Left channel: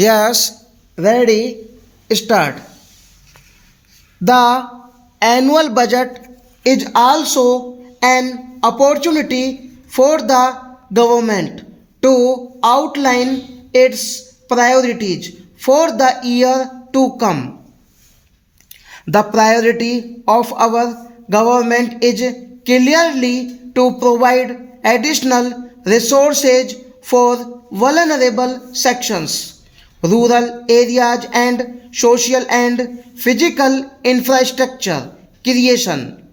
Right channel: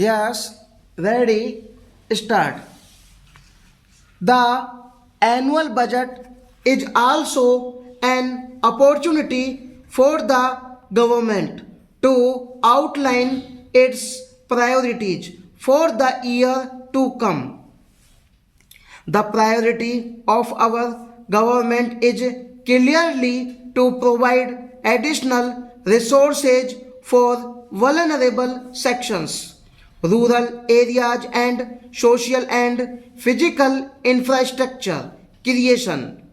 Yes, ready, start. The annual budget is also an opportunity for the government to outline its priorities for the year to come. The priority of our government is clearly to provide additional resources for vulnerable sections, rural areas, and social and physical infrastructure creation.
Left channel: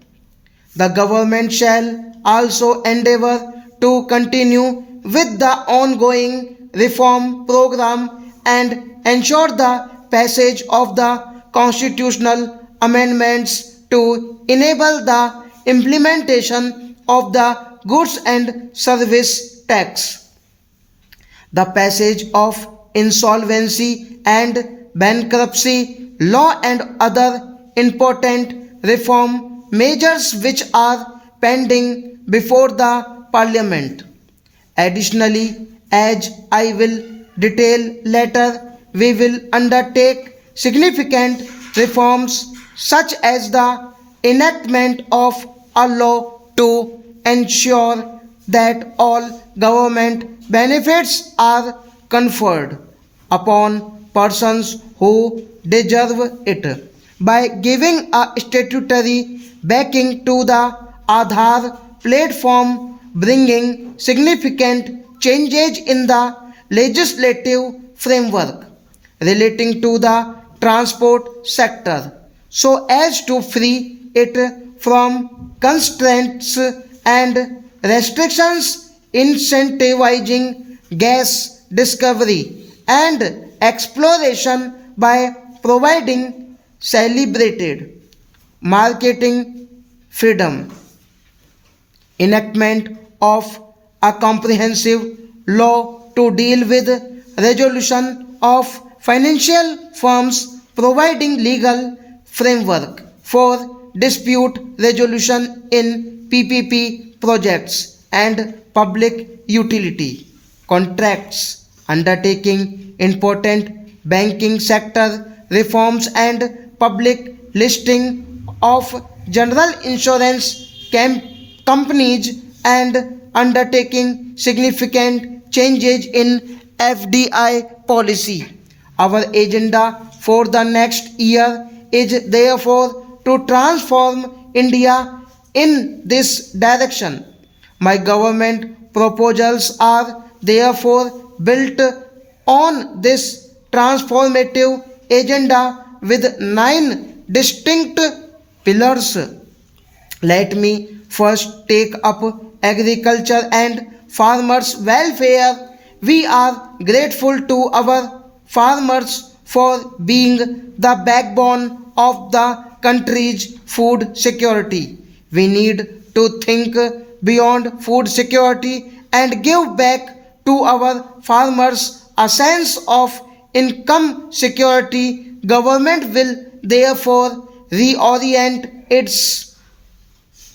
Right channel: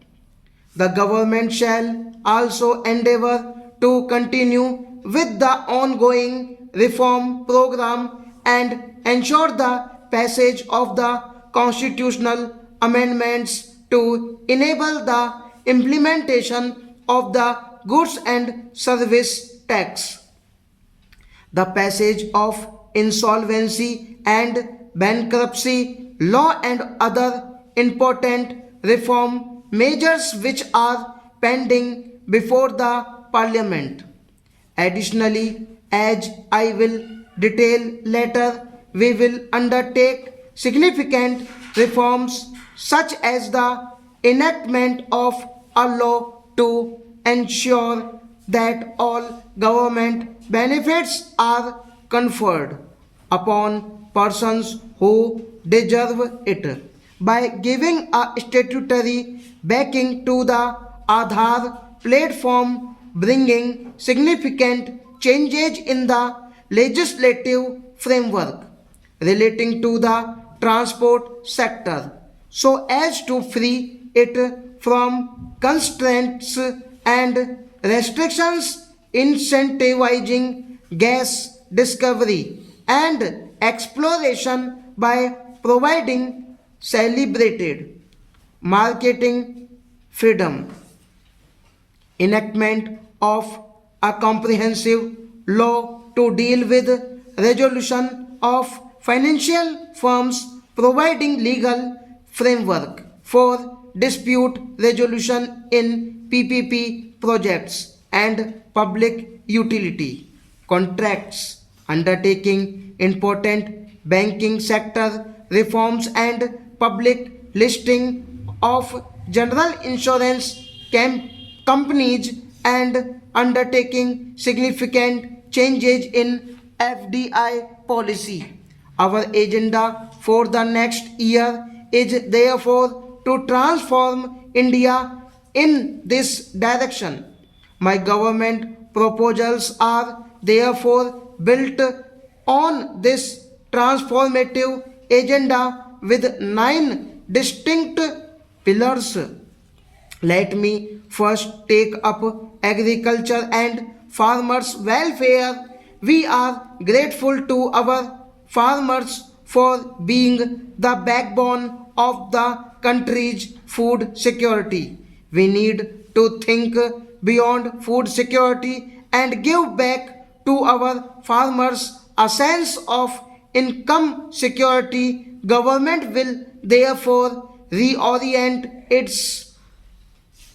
The government shall also endeavor to continue with the ongoing reform program and ensure the passage of the constitutional amendments to enable the implementation of the goods and service tax. The passage of insolvency and bankruptcy law and other important reform measures which are pending before the parliament. Additionally, as I will detail later, we will undertake significant reforms such as the enactment of a law to ensure that all government benefits are conferred upon persons who deserve it by giving a statutory backing to the Aadhaar platform, bringing significant changes in the legislative framework relating to the transport sector so as to free it from constraints and restrictions incentivizing gas discovery and exploration by providing celebrated marketing freedom, enactment of a comprehensive law to deal with resolution of financial firms, providing legal framework for dispute resolution in PPP projects and public utility contracts, undertaking important banking sector reforms and public listing of general insurance companies and undertaking significant changes in FDI policy. Our agenda for the next year is therefore to transform India in this direction. My government proposals are therefore built on this transformative agenda with 9 distinct pillars. Let me first take up agriculture and farmers' welfare. We are grateful to our farmers for being the backbone of the country's food security. We need to think beyond food security and give back to our farmers a sense of income security. Government will therefore reorient its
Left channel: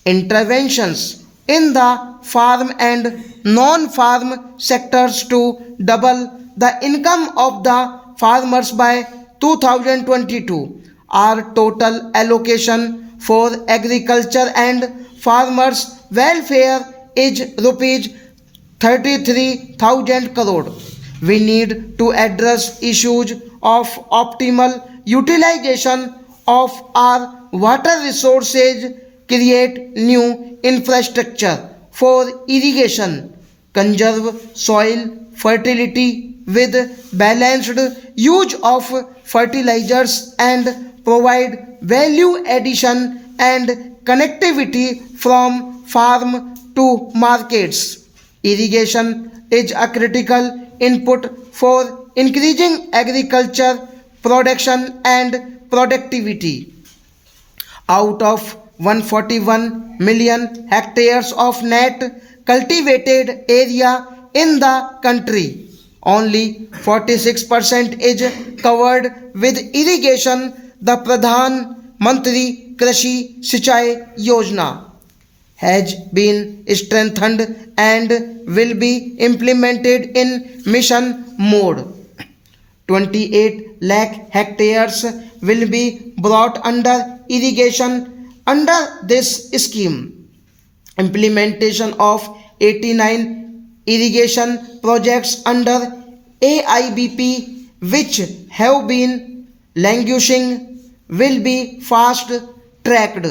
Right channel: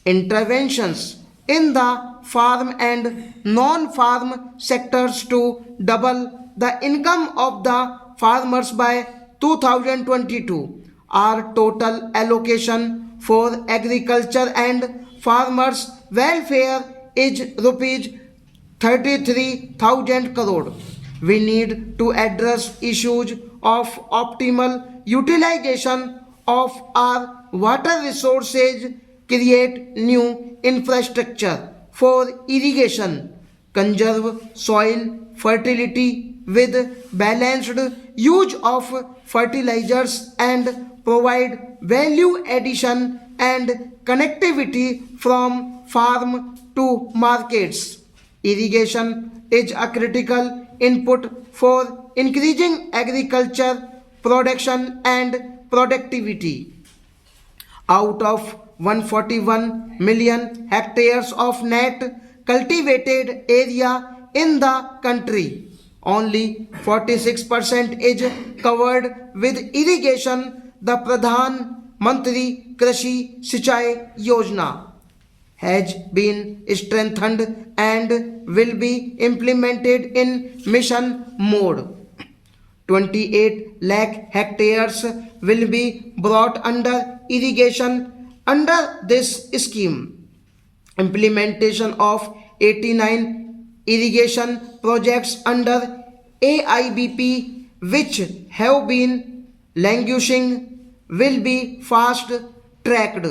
interventions in the farm and non-farm sectors to double the income of the farmers by 2022. Our total allocation for agriculture and farmers welfare is rupees 33,000 crore. We need to address issues of optimal utilization of our water resources, create new infrastructure for irrigation, conserve soil fertility with balanced use of fertilizers, and provide value addition and connectivity from farm to markets. Irrigation is a critical input for increasing agriculture production and productivity. Out of 141 million hectares of net cultivated area in the country, only 46% is covered with irrigation. The Pradhan Mantri Krishi Sinchai Yojana has been strengthened and will be implemented in mission mode 28 lakh hectares will be brought under irrigation under this scheme. Implementation of 89 irrigation projects under AIBP which have been languishing will be fast tracked.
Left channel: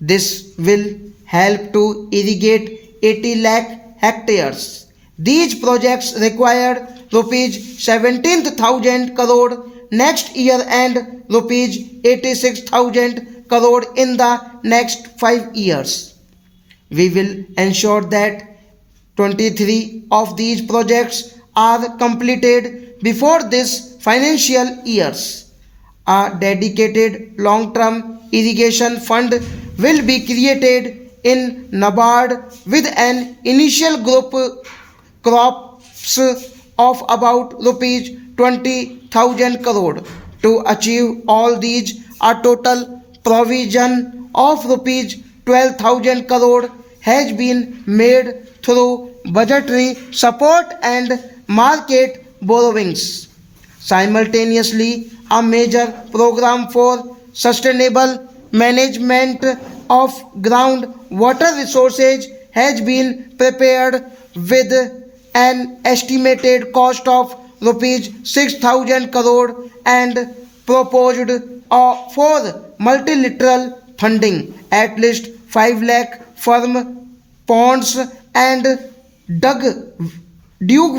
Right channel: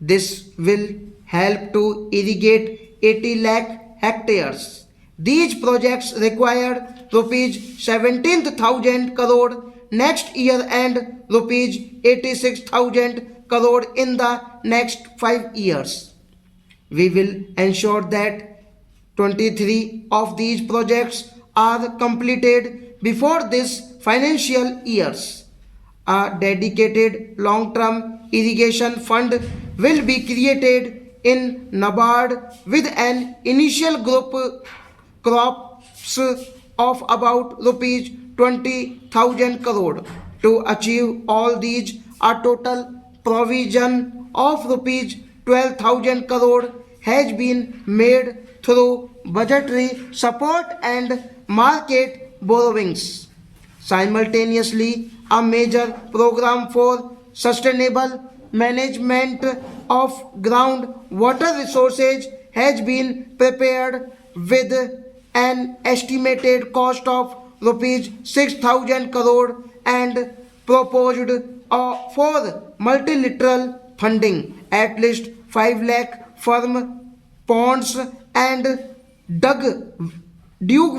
This will help to irrigate 80 lakh hectares. These projects required rupees 17,000 crore next year and rupees 86,000 crore in the next 5 years. We will ensure that 23 of these projects are completed before this financial years. A dedicated long-term irrigation fund will be created in NABARD with an initial group crops of about rupees 20,000 crore. To achieve all these, a total provision of rupees 12,000 crore has been made through budgetary support and market borrowings. Simultaneously, a major program for sustainable management of groundwater resources has been prepared with an estimated cost of rupees 6,000 crore and proposed for multilateral funding. At least 5 lakh firm ponds and dug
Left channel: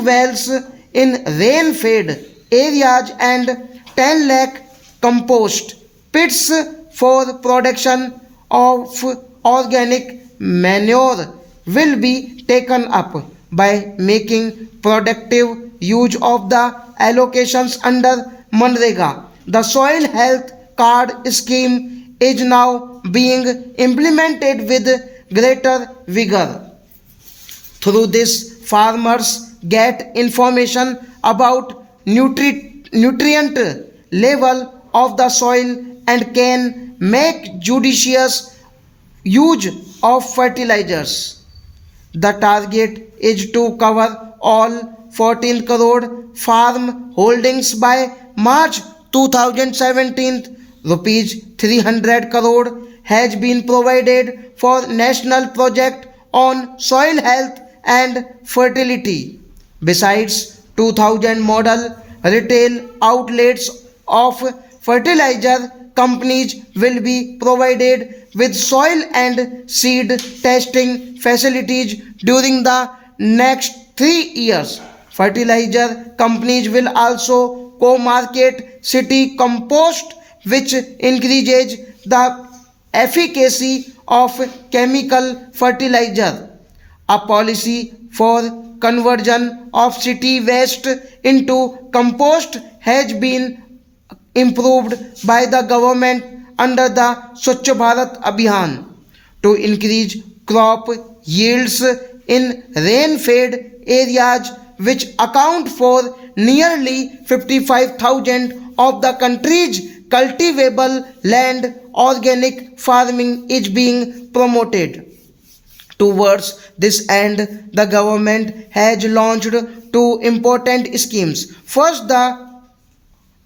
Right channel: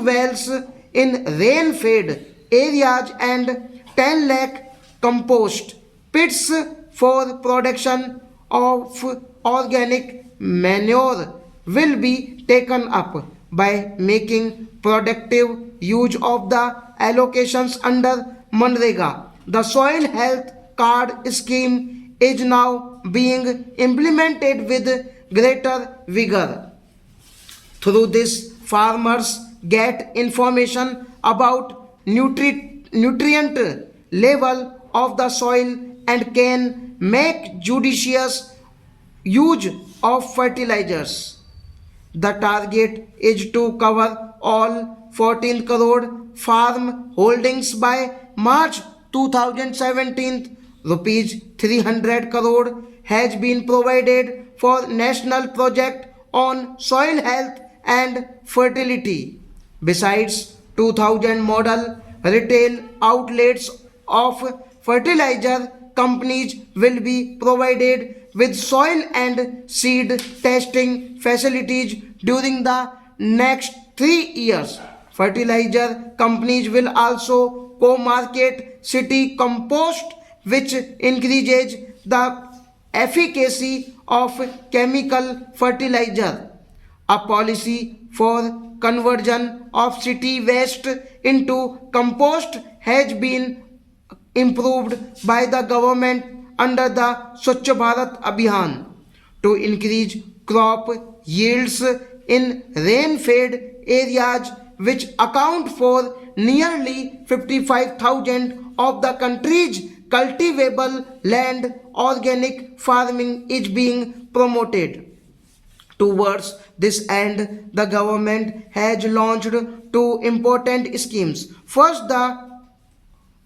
wells in rain-fed areas and 10 lakh compost pits for production of organic manure will be taken up. By making productive use of the allocations under MNREGA, the soil health card scheme is now being implemented with greater vigor. Through this, farmers get information about nutrient level of the soil and can make judicious use of fertilizers. The target is to cover all 14 crore farm holdings by March 2017. Rupees 300 crore has been provided for national project on soil health and fertility. Besides, 2,000 model retail outlets of fertilizer companies will be provided with soil and seed testing facilities during the next 3 years. Fertilizer companies will also co-market city compost, which increases the efficacy of chemical fertilizer. A policy for conversion of city waste into compost has been improved by the government under the Swachh Bharat Abhiyan to increase crop yields in rain-fed areas, which account for nearly 55,000 of the country's cultivable land. Organic farming is being promoted. Towards this end, the government has launched two important schemes. First, the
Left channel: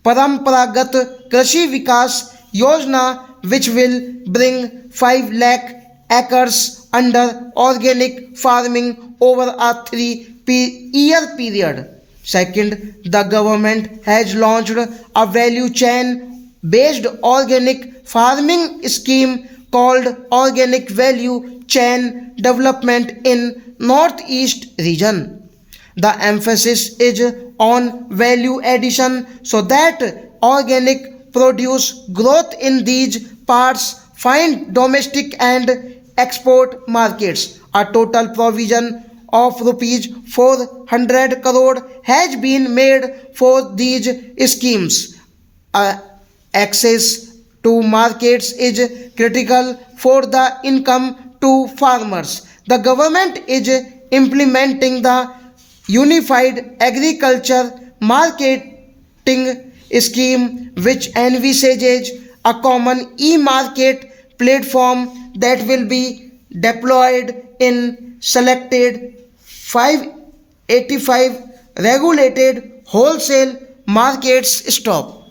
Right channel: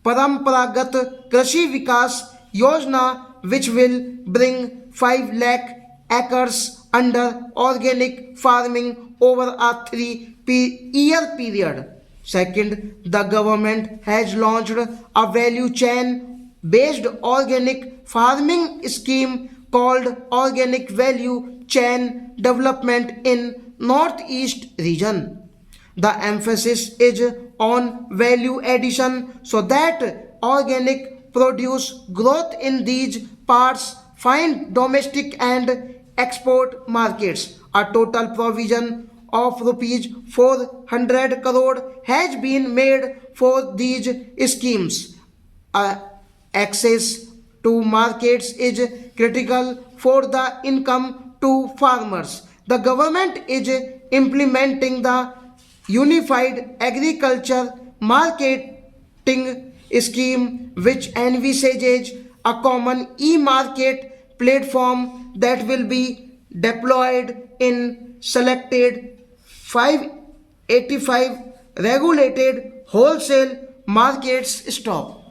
Paramparagat Krishi Vikas Yojana, which will bring 5 lakh acres under organic farming over a 3-year period. Second, the government has launched a value chain based organic farming scheme called Organic Value Chain Development in Northeast region. The emphasis is on value addition so that organic produce growth in these parts find domestic and export markets. A total provision of rupees 400 crore has been made for these schemes. Access to markets is critical for the income to farmers. The government is implementing the Unified Agriculture Marketing Scheme, which envisages a common e-market platform that will be deployed in selected 585 regulated wholesale markets stop.